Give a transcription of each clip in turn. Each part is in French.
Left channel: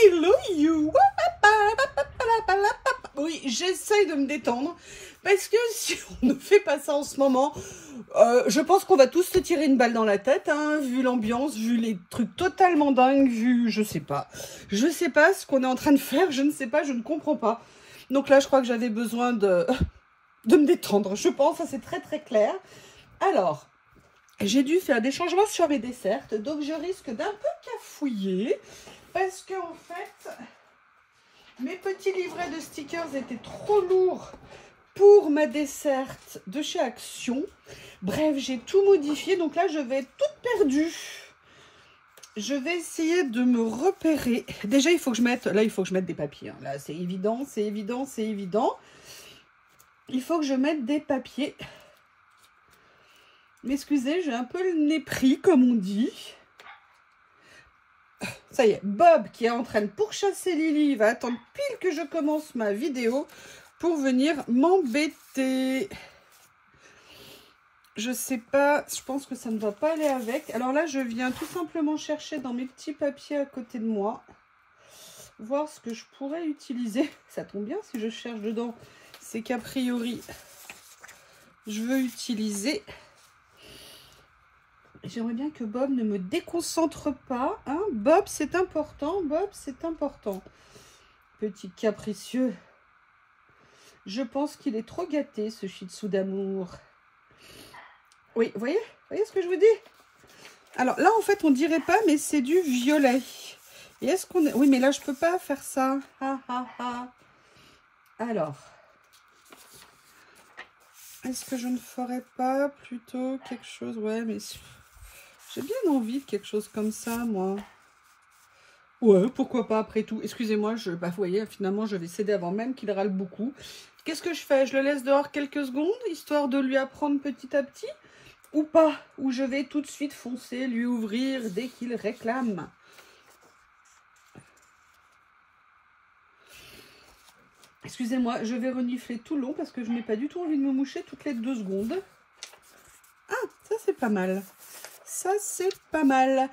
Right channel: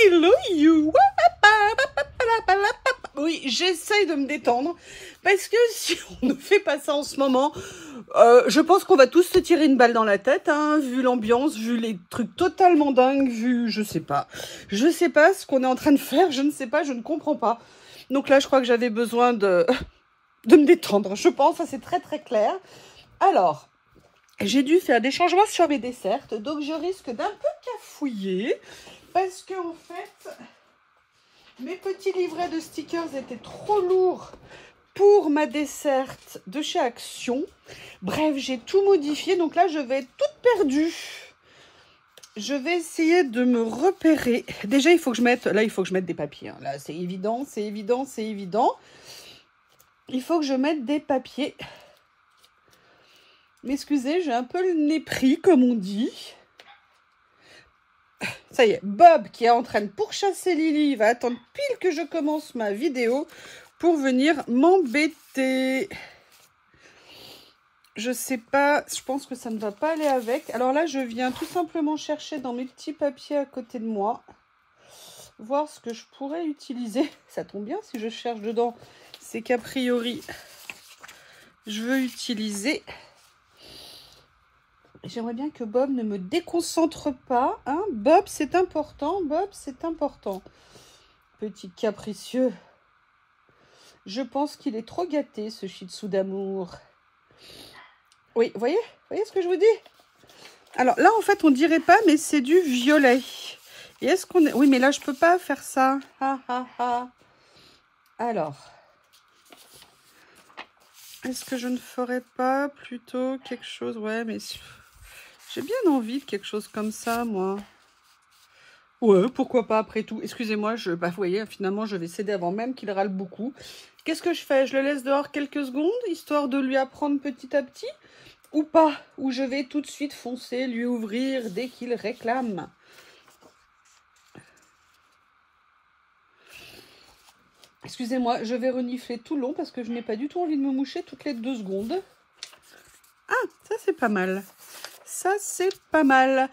Hello you. Oui, j'essaye de me détendre parce que si on ne fait pas ça en ce moment, je pense qu'on va tous se tirer une balle dans la tête, hein, vu l'ambiance, vu les trucs totalement dingues, vu je sais pas ce qu'on est en train de faire, je ne sais pas, je ne comprends pas. Donc là, je crois que j'avais besoin de me détendre, je pense, ça c'est très très clair. Alors, j'ai dû faire des changements sur mes desserts, donc je risque d'un peu cafouiller parce que en fait, mes petits livrets de stickers étaient trop lourds pour ma desserte de chez Action. Bref, j'ai tout modifié, donc là je vais être toute perdue. Je vais essayer de me repérer. Déjà, il faut que je mette, là il faut que je mette des papiers. Hein. Là c'est évident, c'est évident, c'est évident. Il faut que je mette des papiers. M'excusez, j'ai un peu le nez pris, comme on dit. Ça y est, Bob qui est en train de pourchasser Lily va attendre pile que je commence ma vidéo pour venir m'embêter. Je sais pas, je pense que ça ne va pas aller avec. Alors là, je viens tout simplement chercher dans mes petits papiers à côté de moi, voir ce que je pourrais utiliser. Ça tombe bien si je cherche dedans, c'est qu'a priori, je veux utiliser... J'aimerais bien que Bob ne me déconcentre pas. Hein. Bob, c'est important. Bob, c'est important. Petit capricieux. Je pense qu'il est trop gâté, ce shih tzu d'amour. Oui, voyez ce que je vous dis? Alors là, en fait, on dirait pas, mais c'est du violet. Et est-ce qu'on est... Oui, mais là, je peux pas faire ça. Ha, ha, ha. Alors... Est-ce que je ne ferais pas plutôt quelque chose... Ouais, mais... J'ai bien envie de quelque chose comme ça, moi. Ouais, pourquoi pas, après tout. Excusez-moi, vous voyez, finalement, je vais céder avant même qu'il râle beaucoup. Qu'est-ce que je fais? Je le laisse dehors quelques secondes, histoire de lui apprendre petit à petit, ou pas? Ou je vais tout de suite foncer, lui ouvrir dès qu'il réclame? Excusez-moi, je vais renifler tout le long, parce que je n'ai pas du tout envie de me moucher toutes les 2 secondes. Ah, ça c'est pas mal. Ça, c'est pas mal.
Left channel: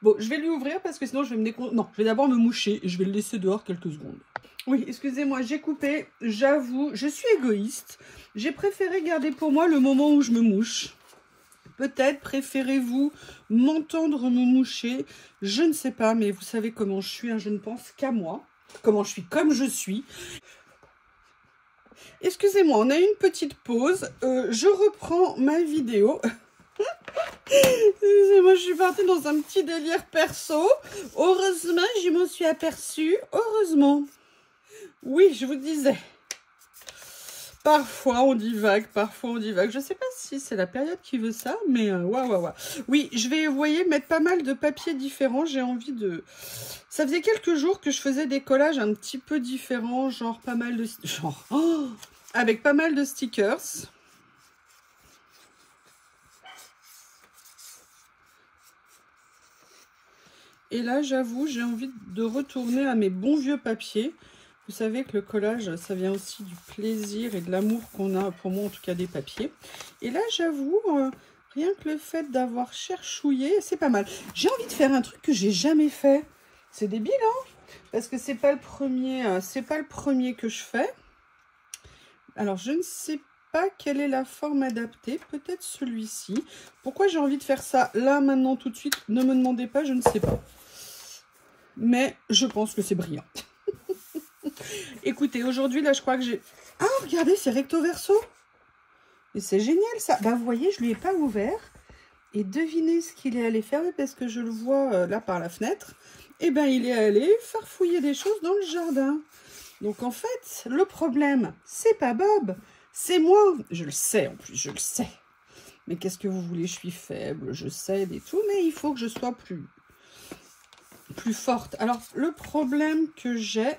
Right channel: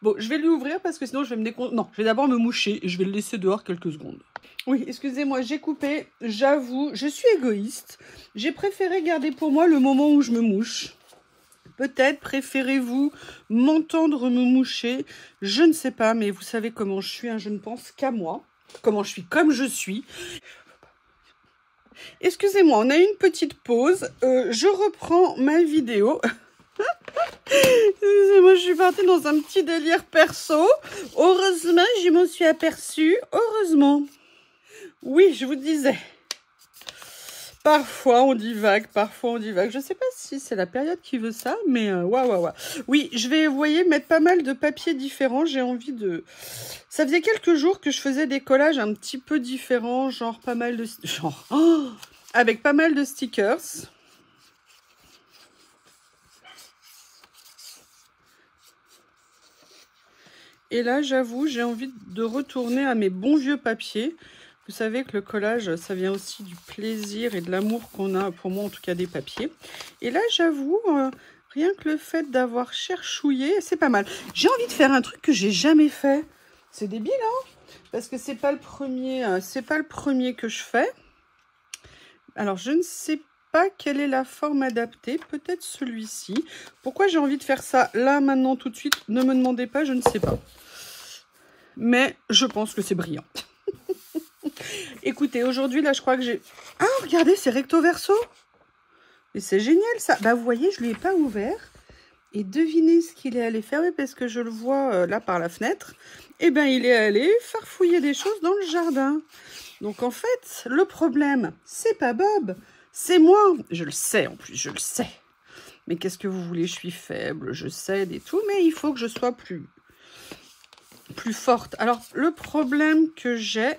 Bon, je vais lui ouvrir parce que sinon je vais me déconcentrer. Non, je vais d'abord me moucher et je vais le laisser dehors quelques secondes. Oui, excusez-moi, j'ai coupé. J'avoue, je suis égoïste. J'ai préféré garder pour moi le moment où je me mouche. Peut-être préférez-vous m'entendre me moucher. Je ne sais pas, mais vous savez comment je suis. Hein, je ne pense qu'à moi. Comment je suis, comme je suis. Excusez-moi, on a une petite pause. Je reprends ma vidéo. Moi, je suis partie dans un petit délire perso. Heureusement, je m'en suis aperçue. Heureusement. Oui, je vous disais. Parfois, on divague. Parfois, on divague. Je ne sais pas si c'est la période qui veut ça, mais ouais. Oui, je vais, vous voyez, mettre pas mal de papiers différents. J'ai envie de... Ça faisait quelques jours que je faisais des collages un petit peu différents, genre pas mal de... avec pas mal de stickers. Et là, j'avoue, j'ai envie de retourner à mes bons vieux papiers. Vous savez que le collage, ça vient aussi du plaisir et de l'amour qu'on a, pour moi en tout cas, des papiers. Et là, j'avoue, rien que le fait d'avoir cherchouillé, c'est pas mal. J'ai envie de faire un truc que j'ai jamais fait. C'est débile, hein? Parce que c'est pas le premier que je fais. Alors, je ne sais pas quelle est la forme adaptée. Peut-être celui-ci. Pourquoi j'ai envie de faire ça là, maintenant, tout de suite? Ne me demandez pas, je ne sais pas. Mais je pense que c'est brillant. Écoutez, aujourd'hui, là, je crois que j'ai... Ah, regardez, c'est recto verso. Mais c'est génial, ça. Bah, vous voyez, je ne lui ai pas ouvert. Et devinez ce qu'il est allé faire. Oui, parce que je le vois là par la fenêtre. Eh bien, il est allé farfouiller des choses dans le jardin. Donc, en fait, le problème, c'est pas Bob. C'est moi. Je le sais, en plus, je le sais. Mais qu'est-ce que vous voulez? Je suis faible, je cède et tout. Mais il faut que je sois plus forte. Alors, le problème que j'ai,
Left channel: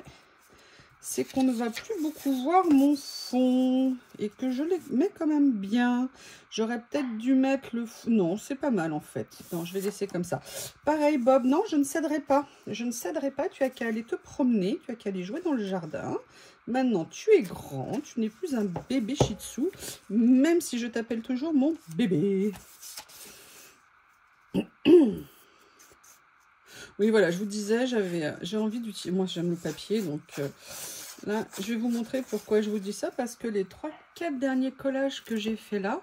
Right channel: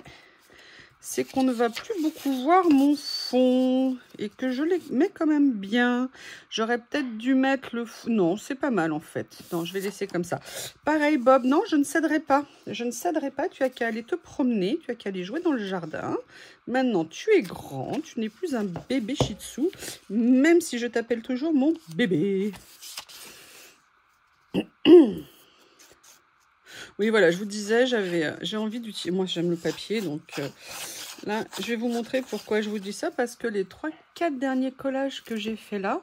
c'est qu'on ne va plus beaucoup voir mon fond et que je les mets quand même bien. J'aurais peut-être dû mettre le fond. Non, c'est pas mal en fait. Non, je vais laisser comme ça. Pareil, Bob, non, je ne céderai pas. Je ne céderai pas. Tu as qu'à aller te promener. Tu as qu'à aller jouer dans le jardin. Maintenant, tu es grand. Tu n'es plus un bébé shih tzu, même si je t'appelle toujours mon bébé. Oui, voilà, je vous disais, j'ai envie d'utiliser... Moi, j'aime le papier, donc là, je vais vous montrer pourquoi je vous dis ça. Parce que les 3-4 derniers collages que j'ai fait là,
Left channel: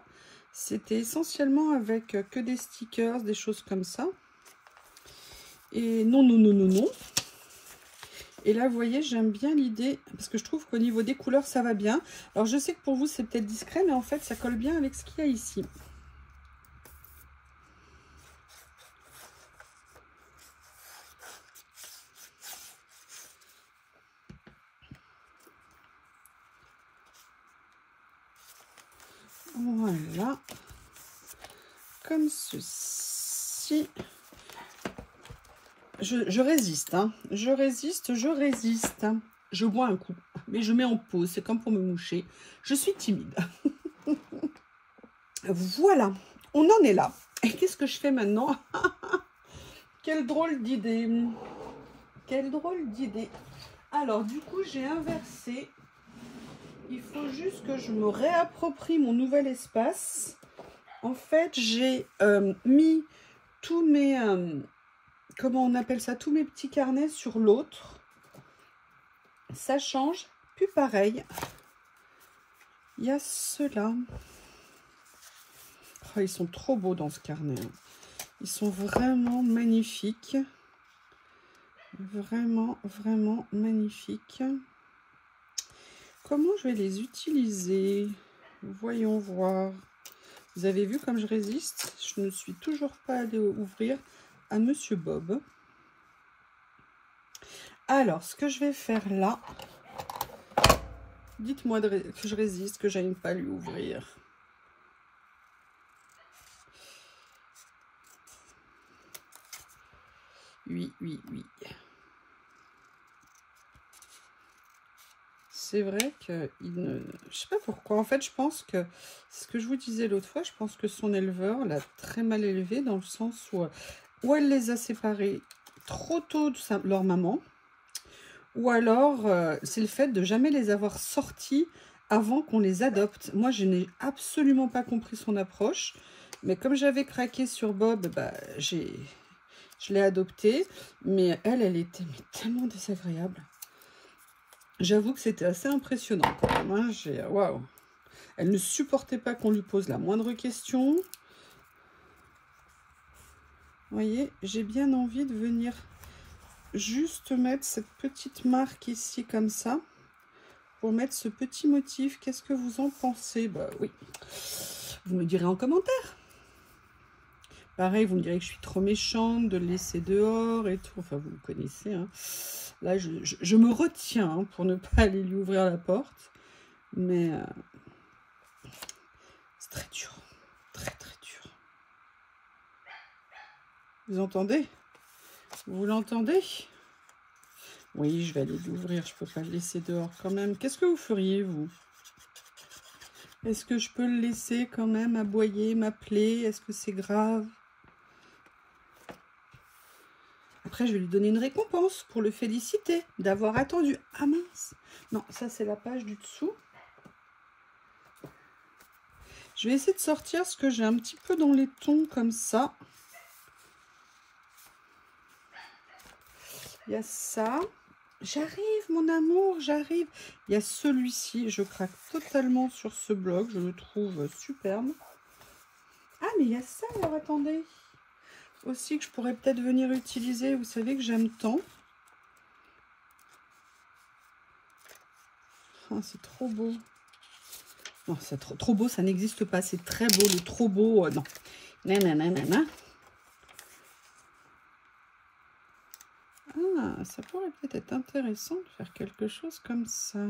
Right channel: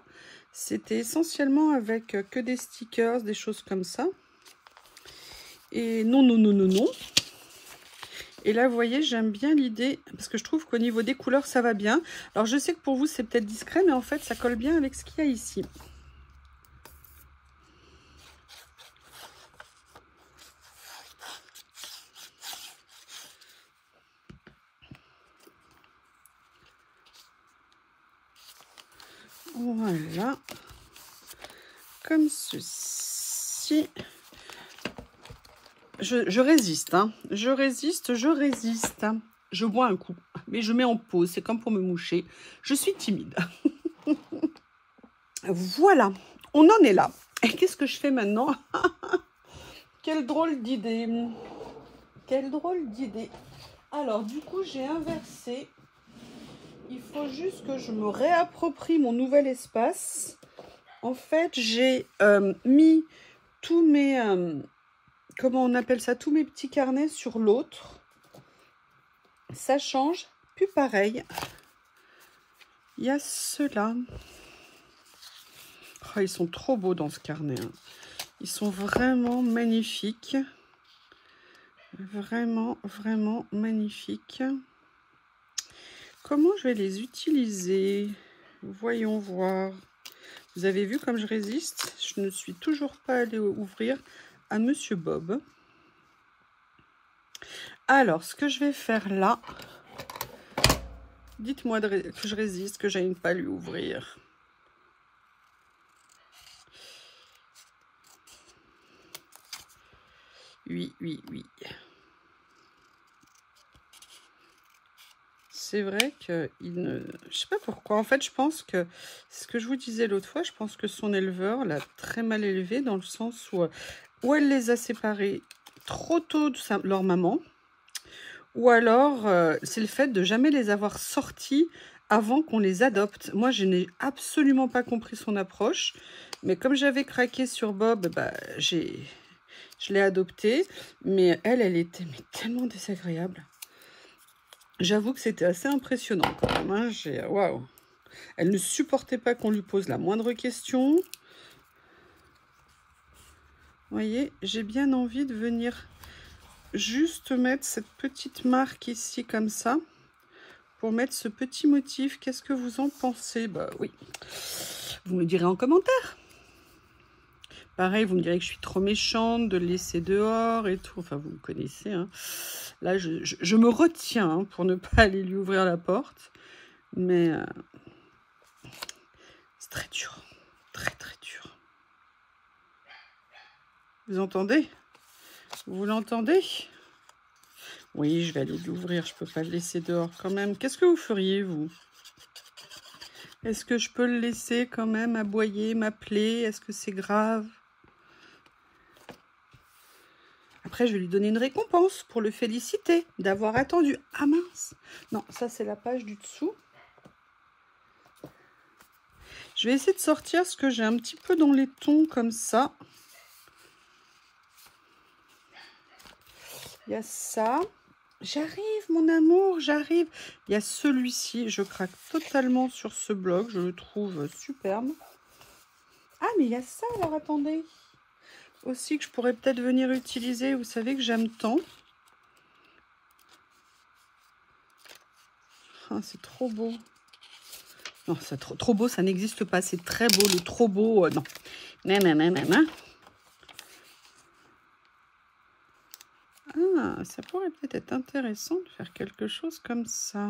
c'était essentiellement avec que des stickers, des choses comme ça. Et non, non, non, non, non. Et là, vous voyez, j'aime bien l'idée, parce que je trouve qu'au niveau des couleurs, ça va bien. Alors, je sais que pour vous, c'est peut-être discret, mais en fait, ça colle bien avec ce qu'il y a ici. Voilà. Comme ceci. Je résiste, hein. Je résiste. Je bois un coup, mais je mets en pause. C'est comme pour me moucher. Je suis timide. Voilà, on en est là. Et qu'est-ce que je fais maintenant? Quelle drôle d'idée. Quelle drôle d'idée. Alors, du coup, j'ai inversé. Il faut juste que je me réapproprie mon nouvel espace. En fait, j'ai mis tous mes... comment on appelle ça? Tous mes petits carnets sur l'autre. Ça change. Puis pareil. Il y a ceux-là. Oh, ils sont trop beaux dans ce carnet. Hein. Ils sont vraiment magnifiques. Vraiment, vraiment magnifiques. Comment je vais les utiliser? Voyons voir. Vous avez vu comme je résiste? Je ne suis toujours pas allée ouvrir à Monsieur Bob. Alors, ce que je vais faire là, dites-moi que je résiste, que j'aime pas lui ouvrir. Oui, oui, oui. C'est vrai qu'il ne... Je sais pas pourquoi. En fait, je pense que... C'est ce que je vous disais l'autre fois. Je pense que son éleveur l'a très mal élevé dans le sens où elle les a séparés trop tôt de leur maman. Ou alors, c'est le fait de jamais les avoir sortis avant qu'on les adopte. Moi, je n'ai absolument pas compris son approche. Mais comme j'avais craqué sur Bob, bah, je l'ai adopté. Mais elle était tellement désagréable. J'avoue que c'était assez impressionnant quand même. Hein. Waouh. Elle ne supportait pas qu'on lui pose la moindre question. Vous voyez, j'ai bien envie de venir juste mettre cette petite marque ici comme ça. Pour mettre ce petit motif. Qu'est-ce que vous en pensez? Bah oui. Vous me direz en commentaire. Pareil, vous me direz que je suis trop méchante de le laisser dehors et tout. Enfin, vous me connaissez, hein. Là, je me retiens hein, pour ne pas aller lui ouvrir la porte. Mais c'est très dur. Très, très dur. Vous entendez? Vous l'entendez? Oui, je vais aller l'ouvrir. Je ne peux pas le laisser dehors quand même. Qu'est-ce que vous feriez, vous? Est-ce que je peux le laisser quand même aboyer, m'appeler? Est-ce que c'est grave? Après, je vais lui donner une récompense pour le féliciter d'avoir attendu. Ah mince! Non, ça, c'est la page du dessous. Je vais essayer de sortir ce que j'ai un petit peu dans les tons comme ça. Il y a ça. J'arrive, mon amour, j'arrive. Il y a celui-ci. Je craque totalement sur ce bloc. Je le trouve superbe. Ah, mais il y a ça, alors attendez. Aussi que je pourrais peut-être venir utiliser. Vous savez que j'aime tant. Ah, c'est trop beau. Non, c'est trop beau, ça n'existe pas. C'est très beau, le trop beau. Non. Non. Ah, ça pourrait peut-être être intéressant de faire quelque chose comme ça.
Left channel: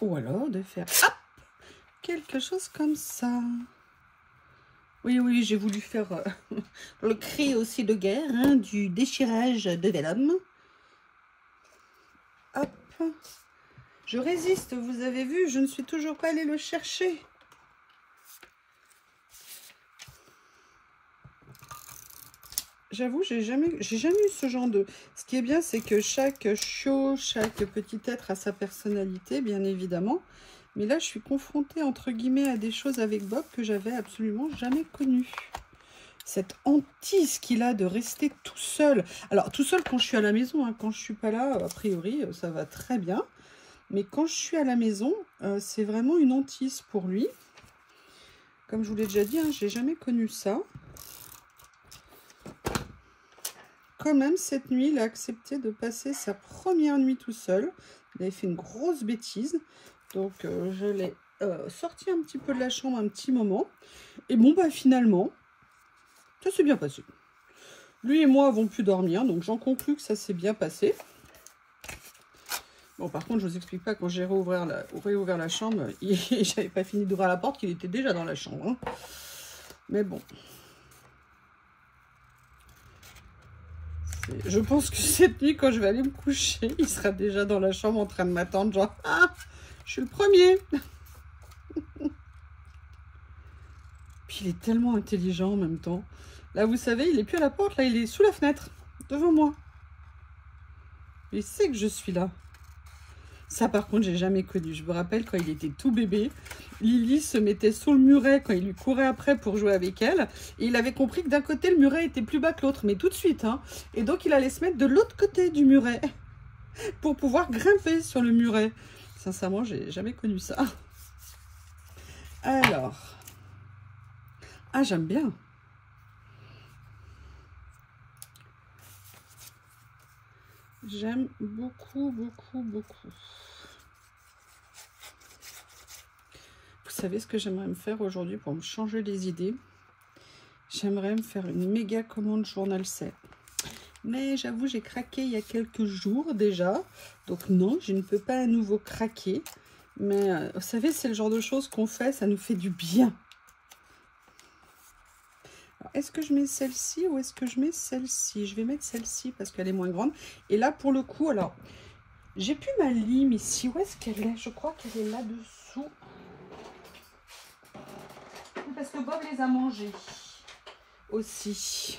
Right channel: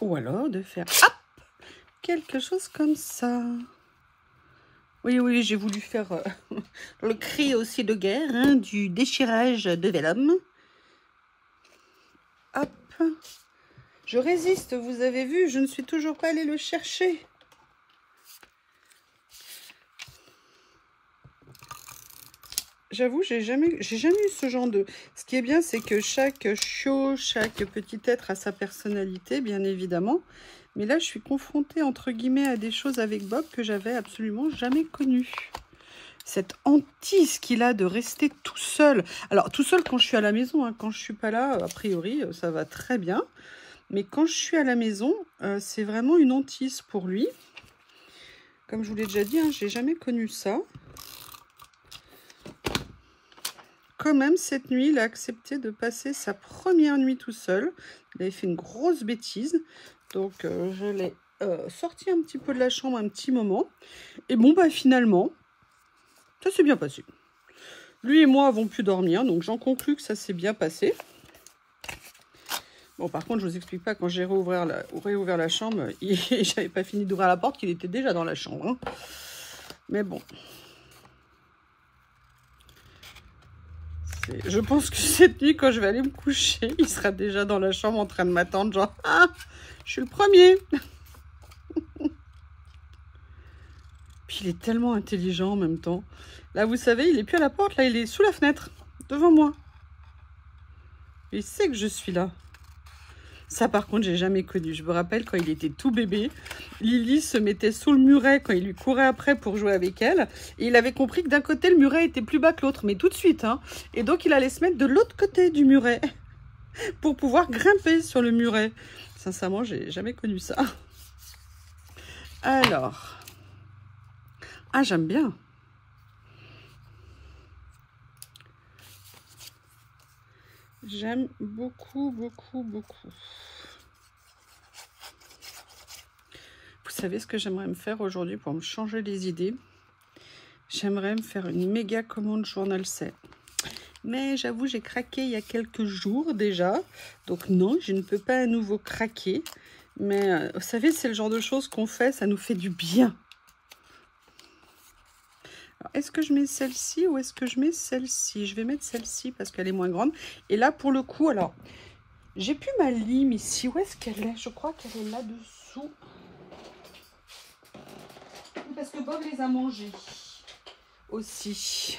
Ou alors de faire hop, quelque chose comme ça. Oui, oui, j'ai voulu faire le cri aussi de guerre, hein, du déchirage de vélum. Hop. Je résiste, vous avez vu, je ne suis toujours pas allée le chercher. J'avoue, j'ai jamais eu ce genre de... Ce qui est bien, c'est que chaque chiot, chaque petit être a sa personnalité, bien évidemment. Mais là, je suis confrontée, entre guillemets, à des choses avec Bob que j'avais absolument jamais connues. cette hantise qu'il a de rester tout seul. Alors, tout seul quand je suis à la maison, hein. Quand je suis pas là, a priori, ça va très bien. Mais quand je suis à la maison, c'est vraiment une hantise pour lui. Comme je vous l'ai déjà dit, hein, j'ai jamais connu ça. Quand même, cette nuit, il a accepté de passer sa première nuit tout seul. Il avait fait une grosse bêtise. Donc, je l'ai sorti un petit peu de la chambre un petit moment. Et bon, bah finalement, ça s'est bien passé. Lui et moi avons pu dormir, donc j'en conclus que ça s'est bien passé. Bon, par contre, je vous explique pas, quand j'ai réouvert la chambre, j'avais pas fini d'ouvrir la porte, qu'il était déjà dans la chambre. Hein. Mais bon. Je pense que cette nuit, quand je vais aller me coucher, il sera déjà dans la chambre en train de m'attendre, genre, ah, je suis le premier. Puis il est tellement intelligent en même temps. Là, vous savez, il est plus à la porte, là, il est sous la fenêtre, devant moi. Il sait que je suis là. Ça, par contre, j'ai jamais connu. Je me rappelle quand il était tout bébé, Lily se mettait sous le muret quand il lui courait après pour jouer avec elle. Et il avait compris que d'un côté, le muret était plus bas que l'autre, mais tout de suite. Hein. Et donc, il allait se mettre de l'autre côté du muret pour pouvoir grimper sur le muret. Sincèrement, j'ai jamais connu ça. Alors. Ah, j'aime bien. J'aime beaucoup, beaucoup, beaucoup. Vous savez ce que j'aimerais me faire aujourd'hui pour me changer les idées? J'aimerais me faire une méga commande journal 7. Mais j'avoue, j'ai craqué il y a quelques jours déjà. Donc non, je ne peux pas à nouveau craquer. Mais vous savez, c'est le genre de choses qu'on fait, ça nous fait du bien. Est-ce que je mets celle-ci ou est-ce que je mets celle-ci? Je vais mettre celle-ci parce qu'elle est moins grande. Et là, pour le coup, alors, j'ai plus ma lime ici. Où est-ce qu'elle est? Je crois qu'elle est là-dessous. Parce que Bob les a mangés aussi.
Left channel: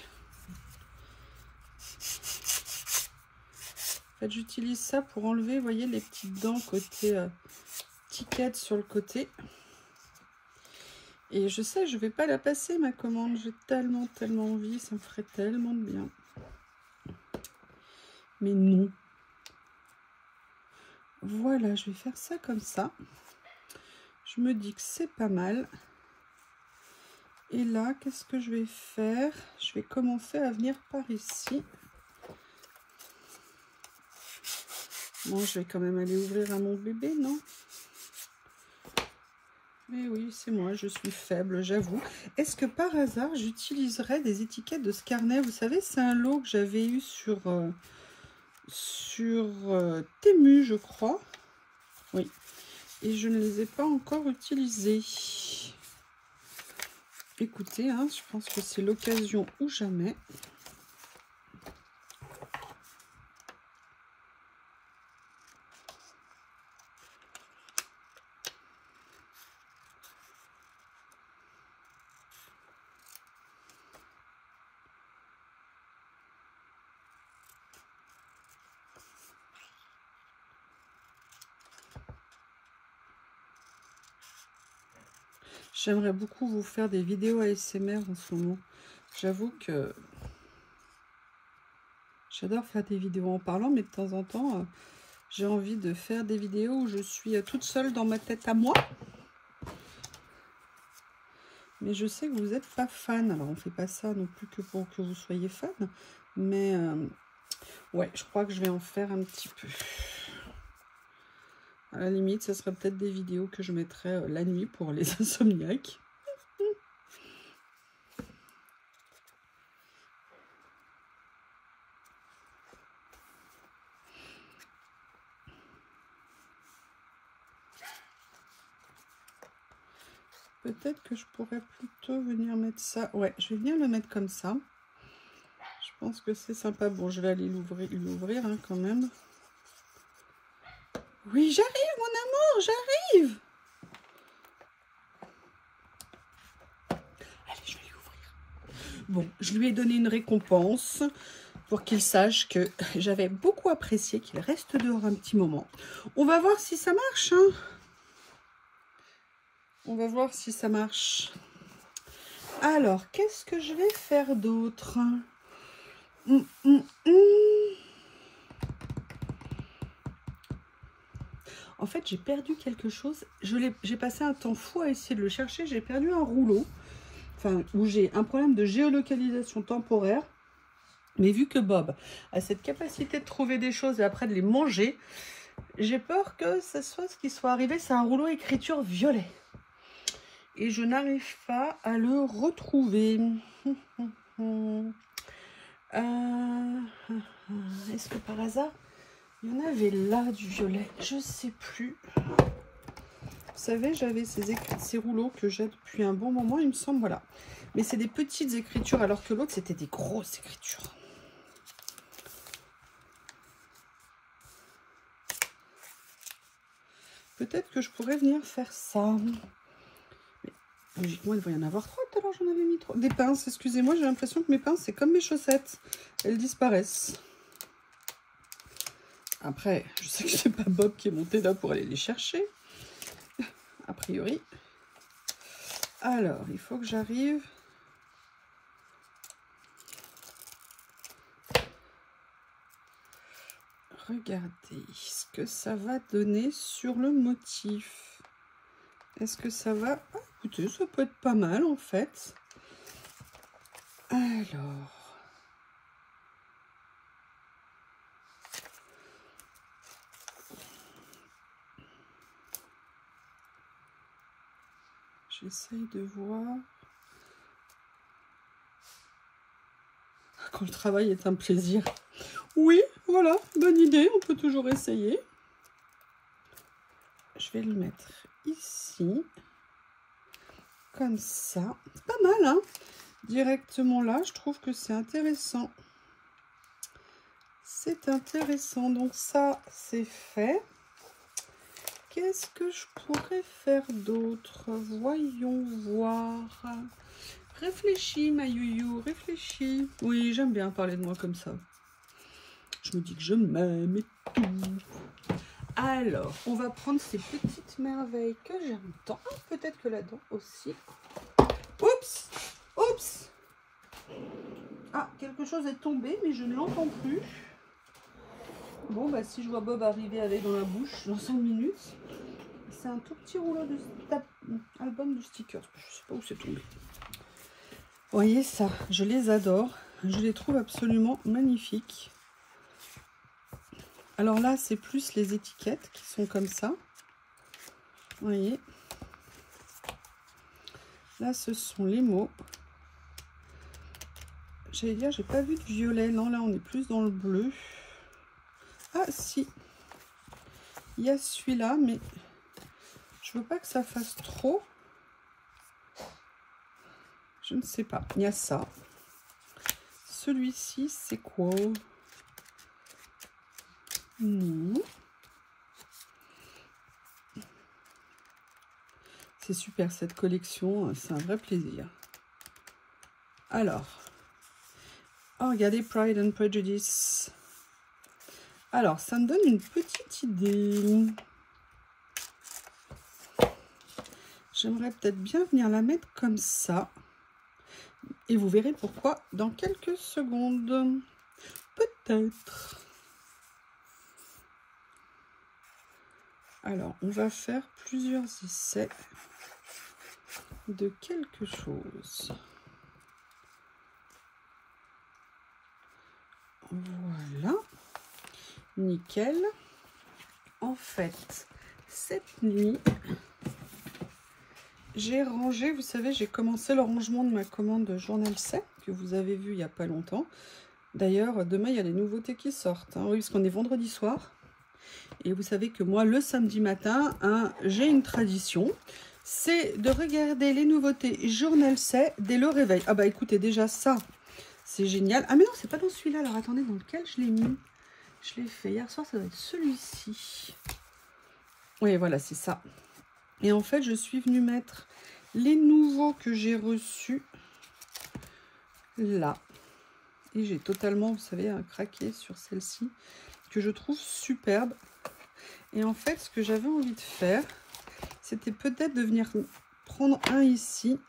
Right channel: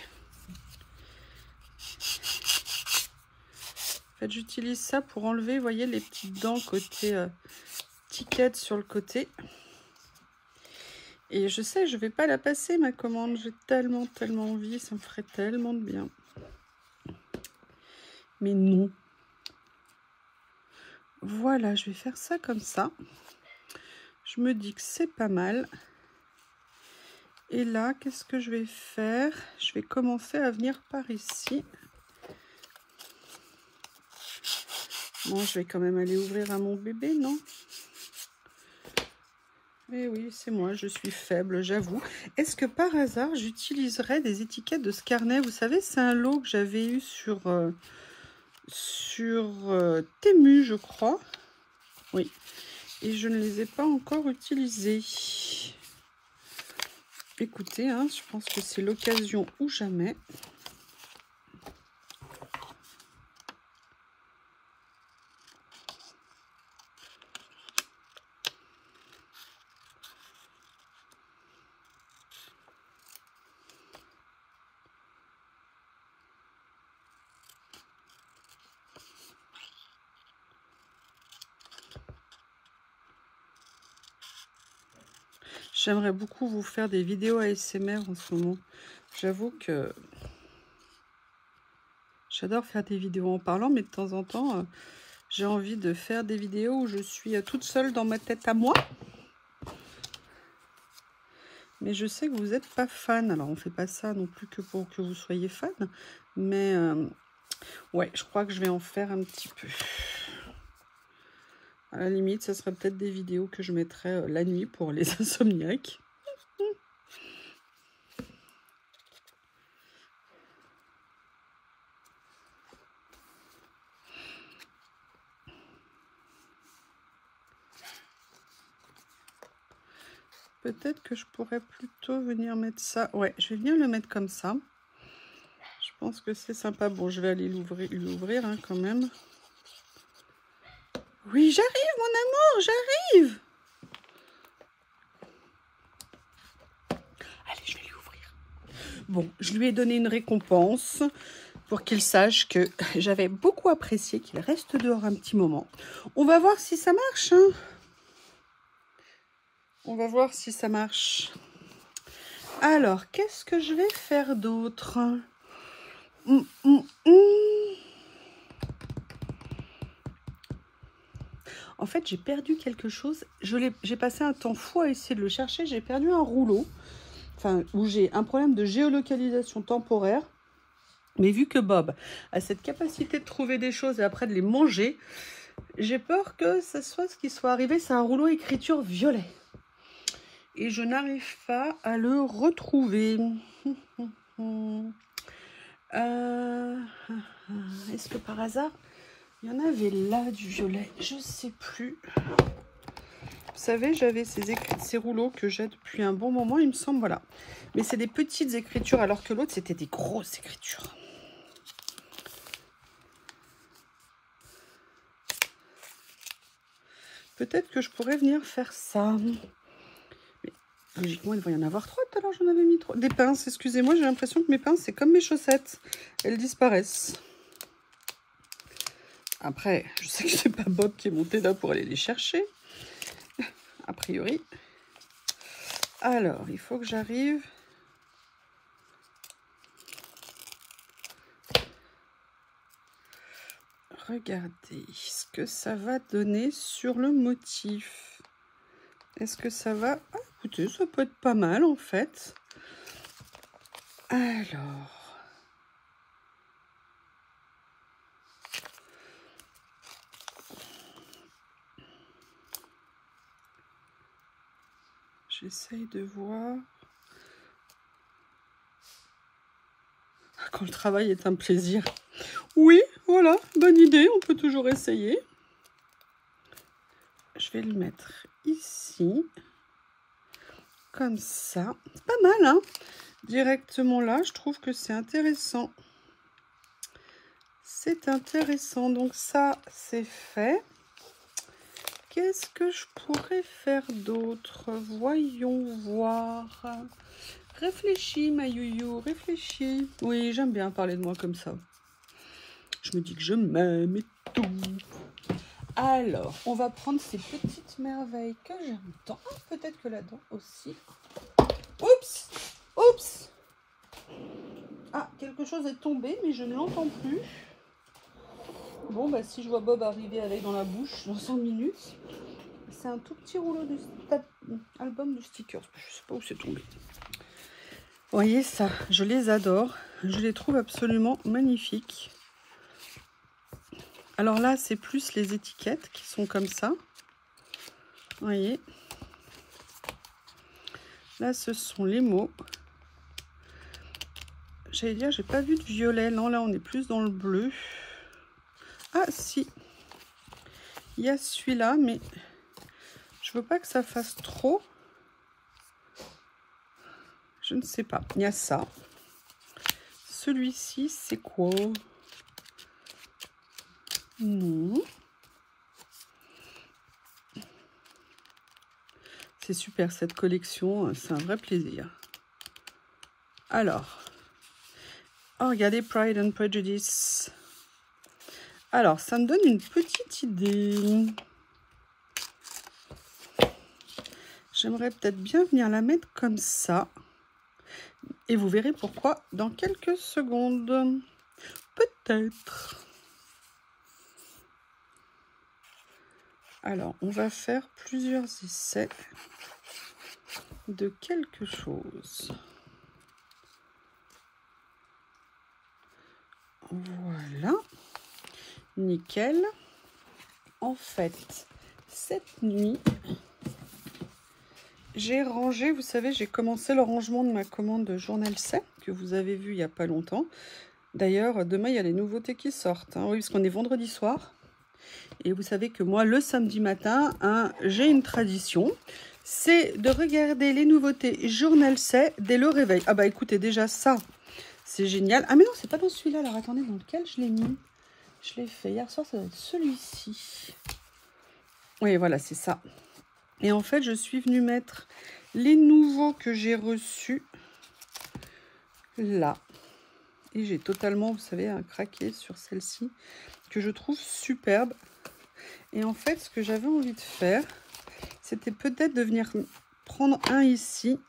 En fait, j'utilise ça pour enlever, vous voyez, les petites dents côté ticket sur le côté. Et je sais, je vais pas la passer, ma commande. J'ai tellement envie. Ça me ferait tellement de bien. Mais non. Voilà, je vais faire ça comme ça. Je me dis que c'est pas mal. Et là, qu'est-ce que je vais faire? Je vais commencer à venir par ici. Bon, je vais quand même aller ouvrir à mon bébé, non? Eh oui, c'est moi, je suis faible, j'avoue. Est-ce que par hasard, j'utiliserais des étiquettes de ce carnet? Vous savez, c'est un lot que j'avais eu sur Temu, je crois. Oui. Et je ne les ai pas encore utilisés. Écoutez, hein, je pense que c'est l'occasion ou jamais. J'aimerais beaucoup vous faire des vidéos ASMR en ce moment. J'avoue que j'adore faire des vidéos en parlant, mais de temps en temps, j'ai envie de faire des vidéos où je suis toute seule dans ma tête à moi. Mais je sais que vous n'êtes pas fan. Alors, on ne fait pas ça non plus que pour que vous soyez fan. Mais, ouais, je crois que je vais en faire un petit peu. À la limite, ça serait peut-être des vidéos que je mettrais la nuit pour les insomniaques. Peut-être que je pourrais plutôt venir mettre ça. Ouais, je vais bien le mettre comme ça. Je pense que c'est sympa. Bon, je vais aller l'ouvrir hein, quand même. Oui, j'arrive, mon amour, j'arrive. Allez, je vais lui ouvrir. Bon, je lui ai donné une récompense pour qu'il sache que j'avais beaucoup apprécié qu'il reste dehors un petit moment. On va voir si ça marche. Hein. On va voir si ça marche. Alors, qu'est-ce que je vais faire d'autre? En fait, j'ai perdu quelque chose. J'ai passé un temps fou à essayer de le chercher. J'ai perdu un rouleau. Enfin, où j'ai un problème de géolocalisation temporaire. Mais vu que Bob a cette capacité de trouver des choses et après de les manger, j'ai peur que ce soit ce qui soit arrivé. C'est un rouleau écriture violet. Et je n'arrive pas à le retrouver. Est-ce que par hasard, il y en avait là du violet? Je ne sais plus. Vous savez, j'avais ces rouleaux que j'ai depuis un bon moment, il me semble, voilà. Mais c'est des petites écritures, alors que l'autre, c'était des grosses écritures. Peut-être que je pourrais venir faire ça. Mais, logiquement, il va y en avoir 3. Tout à l'heure, j'en avais mis 3. Des pinces, excusez-moi, j'ai l'impression que mes pinces, c'est comme mes chaussettes. Elles disparaissent. Après, je sais que c'est pas Bob qui est monté là pour aller les chercher. A priori. Alors, il faut que j'arrive. Regardez ce que ça va donner sur le motif. Est-ce que ça va... Ah, écoutez, ça peut être pas mal en fait. Alors... J'essaye de voir... Quand le travail est un plaisir. Oui, voilà, bonne idée, on peut toujours essayer. Je vais le mettre ici. Comme ça. C'est pas mal, hein? Directement là, je trouve que c'est intéressant. C'est intéressant. Donc ça, c'est fait. Qu'est-ce que je pourrais faire d'autre? Voyons voir. Réfléchis, ma youyou, réfléchis. Oui, j'aime bien parler de moi comme ça. Je me dis que je m'aime et tout. Alors, on va prendre ces petites merveilles que j'aime tant. Peut-être que là-dedans aussi. Oups! Oups! Ah, quelque chose est tombé, mais je ne l'entends plus. Bon, bah si je vois Bob arriver avec dans la bouche dans 5 minutes. C'est un tout petit rouleau de album de stickers. Je sais pas où c'est tombé. Vous voyez ça, je les adore. Je les trouve absolument magnifiques. Alors là, c'est plus les étiquettes qui sont comme ça. Vous voyez. Là, ce sont les mots. J'allais dire, j'ai pas vu de violet. Non, là, on est plus dans le bleu. Ah, si. Il y a celui-là, mais je veux pas que ça fasse trop. Je ne sais pas. Il y a ça. Celui-ci, c'est quoi? Non. C'est super cette collection. C'est un vrai plaisir. Alors. Oh, regardez Pride and Prejudice. Alors, ça me donne une petite idée. J'aimerais peut-être bien venir la mettre comme ça. Et vous verrez pourquoi dans quelques secondes. Peut-être. Alors, on va faire plusieurs essais de quelque chose. Voilà. Nickel. En fait, cette nuit, j'ai rangé, vous savez, j'ai commencé le rangement de ma commande de Journal C, que vous avez vu il n'y a pas longtemps. D'ailleurs, demain, il y a les nouveautés qui sortent. Hein. Oui, parce qu'on est vendredi soir. Et vous savez que moi, le samedi matin, hein, j'ai une tradition. C'est de regarder les nouveautés Journal C dès le réveil. Ah bah écoutez, déjà ça, c'est génial. Ah mais non, c'est pas dans celui-là. Alors attendez, dans lequel je l'ai mis? Je l'ai fait hier soir, ça doit être celui-ci. Oui, voilà, c'est ça. Et en fait, je suis venue mettre les nouveaux que j'ai reçus là. Et j'ai totalement, vous savez, craqué sur celle-ci, que je trouve superbe. Et en fait, ce que j'avais envie de faire, c'était peut-être de venir prendre un ici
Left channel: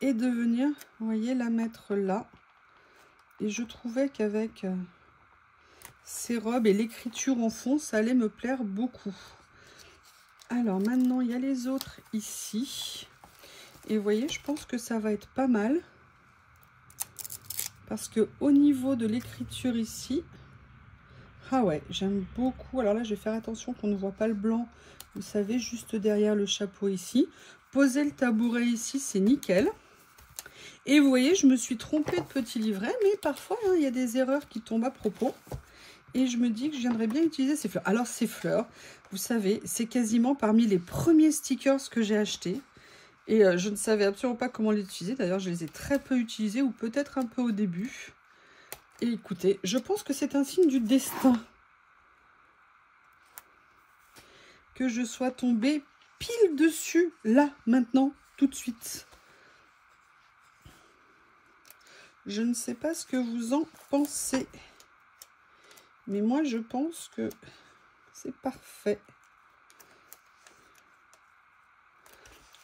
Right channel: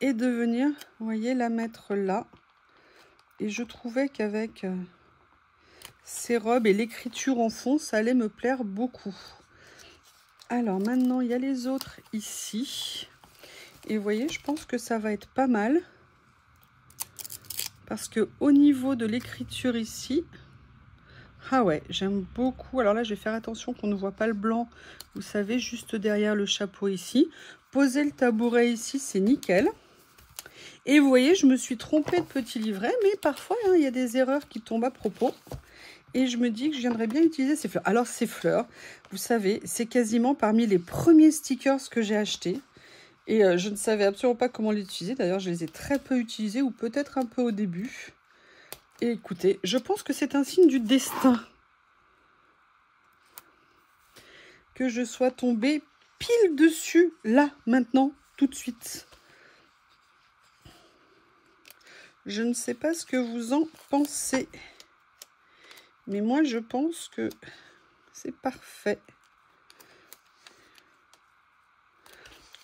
et de venir, vous voyez, la mettre là. Et je trouvais qu'avec ces robes et l'écriture en fond, ça allait me plaire beaucoup. Alors maintenant, il y a les autres ici. Et vous voyez, je pense que ça va être pas mal. Parce que au niveau de l'écriture ici, ah ouais, j'aime beaucoup. Alors là, je vais faire attention qu'on ne voit pas le blanc. Vous savez, juste derrière le chapeau ici. Poser le tabouret ici, c'est nickel. Et vous voyez, je me suis trompée de petit livret. Mais parfois, hein, il y a des erreurs qui tombent à propos. Et je me dis que je viendrais bien utiliser ces fleurs. Alors, ces fleurs, vous savez, c'est quasiment parmi les premiers stickers que j'ai achetés. Et je ne savais absolument pas comment les utiliser. D'ailleurs, je les ai très peu utilisés ou peut-être un peu au début. Et écoutez, je pense que c'est un signe du destin que je sois tombée pile dessus, là, maintenant, tout de suite. Je ne sais pas ce que vous en pensez. Mais moi, je pense que c'est parfait.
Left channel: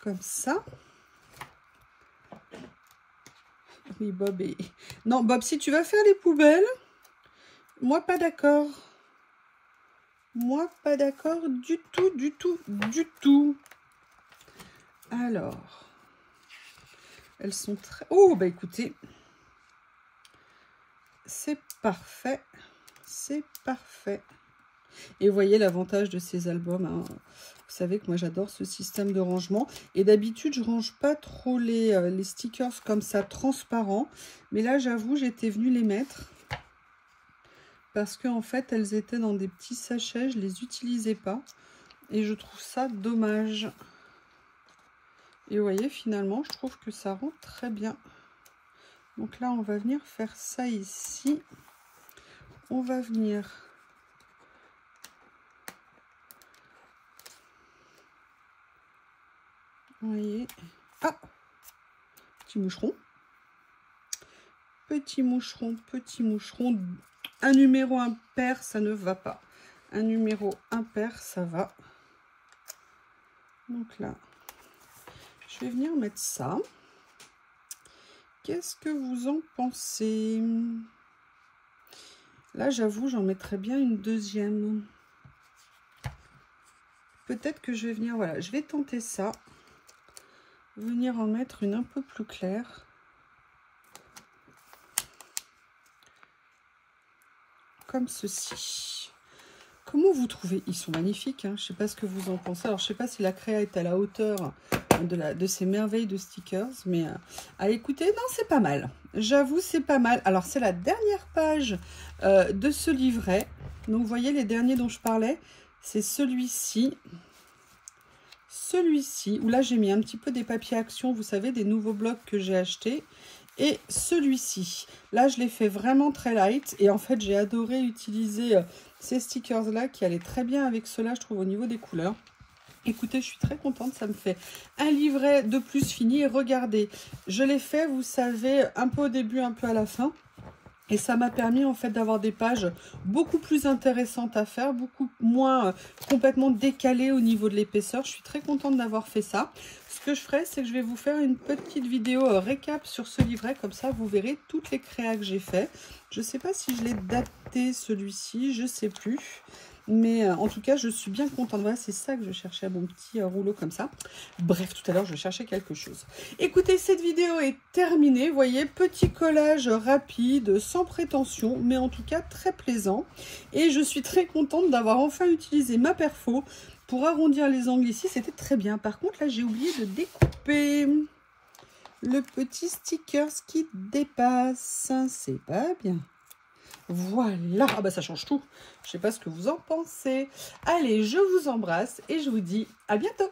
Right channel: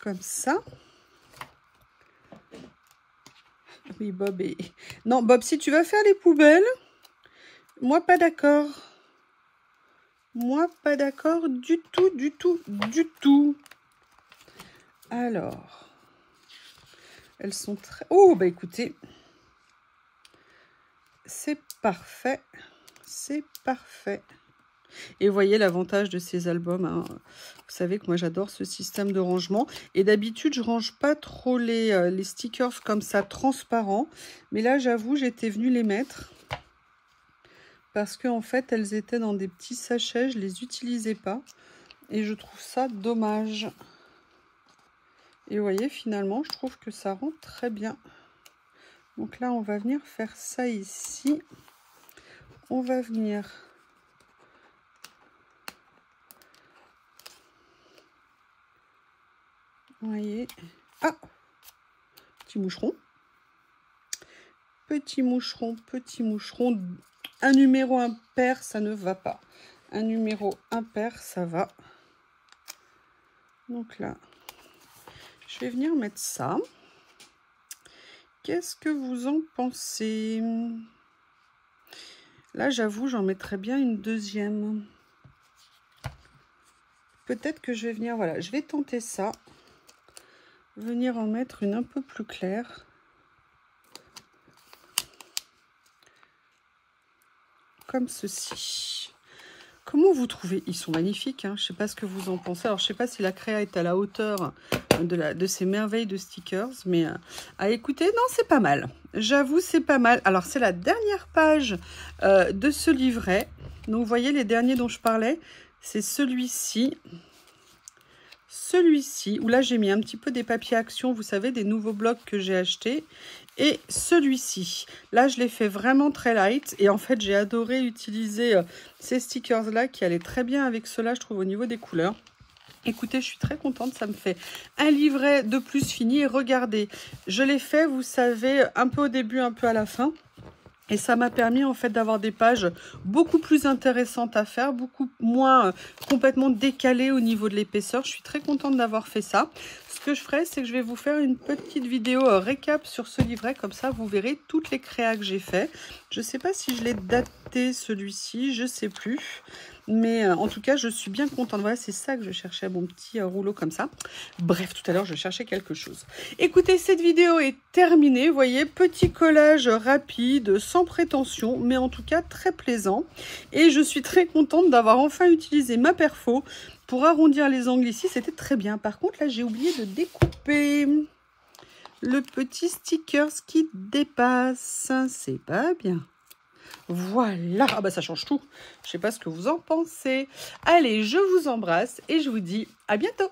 Comme ça. Oui, Bob et... Non, Bob, si tu vas faire les poubelles, moi, pas d'accord. Moi, pas d'accord du tout, du tout, du tout. Alors, elles sont très... Oh, bah écoutez, c'est parfait. C'est parfait. Et vous voyez l'avantage de ces albums, hein. Vous savez que moi j'adore ce système de rangement. Et d'habitude je range pas trop les stickers comme ça transparents. Mais là j'avoue j'étais venue les mettre. Parce qu'en fait elles étaient dans des petits sachets. Je les utilisais pas. Et je trouve ça dommage. Et vous voyez finalement je trouve que ça rend très bien. Donc là on va venir faire ça ici. On va venir... Vous voyez, ah, petit moucheron, petit moucheron, petit moucheron. Un numéro impair, ça ne va pas. Un numéro impair, ça va. Donc là, je vais venir mettre ça. Qu'est-ce que vous en pensez? Là, j'avoue, j'en mettrais bien une deuxième. Peut-être que je vais venir, voilà, je vais tenter ça. Venir en mettre une un peu plus claire. Comme ceci. Comment vous trouvez? Ils sont magnifiques, hein. Je ne sais pas ce que vous en pensez. Alors, je ne sais pas si la créa est à la hauteur de ces merveilles de stickers. Mais à écouter, non, c'est pas mal. J'avoue, c'est pas mal. Alors, c'est la dernière page de ce livret. Donc, vous voyez, les derniers dont je parlais, c'est celui-ci. Celui-ci, où là j'ai mis un petit peu des papiers action, vous savez, des nouveaux blocs que j'ai achetés. Et celui-ci, là je l'ai fait vraiment très light. Et en fait j'ai adoré utiliser ces stickers là qui allaient très bien avec cela, je trouve, au niveau des couleurs. Écoutez, je suis très contente, ça me fait un livret de plus fini. Et regardez, je l'ai fait, vous savez, un peu au début, un peu à la fin. Et ça m'a permis en fait d'avoir des pages beaucoup plus intéressantes à faire, beaucoup moins complètement décalées au niveau de l'épaisseur. Je suis très contente d'avoir fait ça. Ce que je ferai, c'est que je vais vous faire une petite vidéo récap sur ce livret. Comme ça, vous verrez toutes les créas que j'ai fait. Je ne sais pas si je l'ai daté celui-ci, je ne sais plus. Mais en tout cas, je suis bien contente. Voilà, c'est ça que je cherchais, mon petit rouleau comme ça. Bref, tout à l'heure, je cherchais quelque chose. Écoutez, cette vidéo est terminée. Vous voyez, petit collage rapide, sans prétention, mais en tout cas très plaisant. Et je suis très contente d'avoir enfin utilisé ma perfo pour arrondir les angles ici. C'était très bien. Par contre, là, j'ai oublié de découper le petit sticker qui dépasse. C'est pas bien. Voilà, ah bah ça change tout. Je sais pas ce que vous en pensez. Allez, je vous embrasse et je vous dis à bientôt.